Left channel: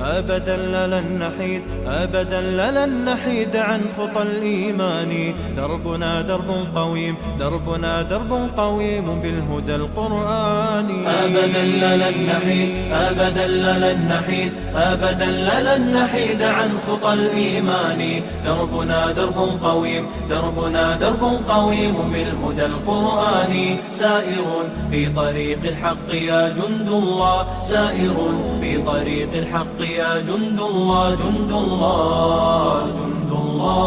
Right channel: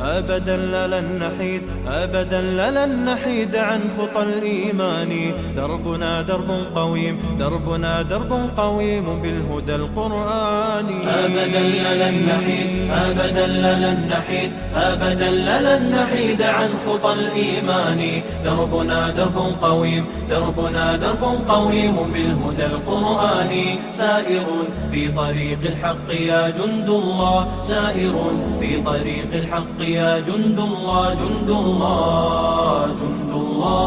أبدا لن نحيد، أبدا لن نحيد عن خطى الإيمان. دربنا درب قويم، دربنا درب قويم بالهدى القرآني. أبدا لن نحيد، أبدا لن نحيد، أبدا لن نحيد عن خطى الإيمان. دربنا درب قويم، دربنا درب قويم بالهدى القرآني. سائر في طريق الحق يا جند الله، سائر في طريق الحق يا جند الله، جند الله، جند الله.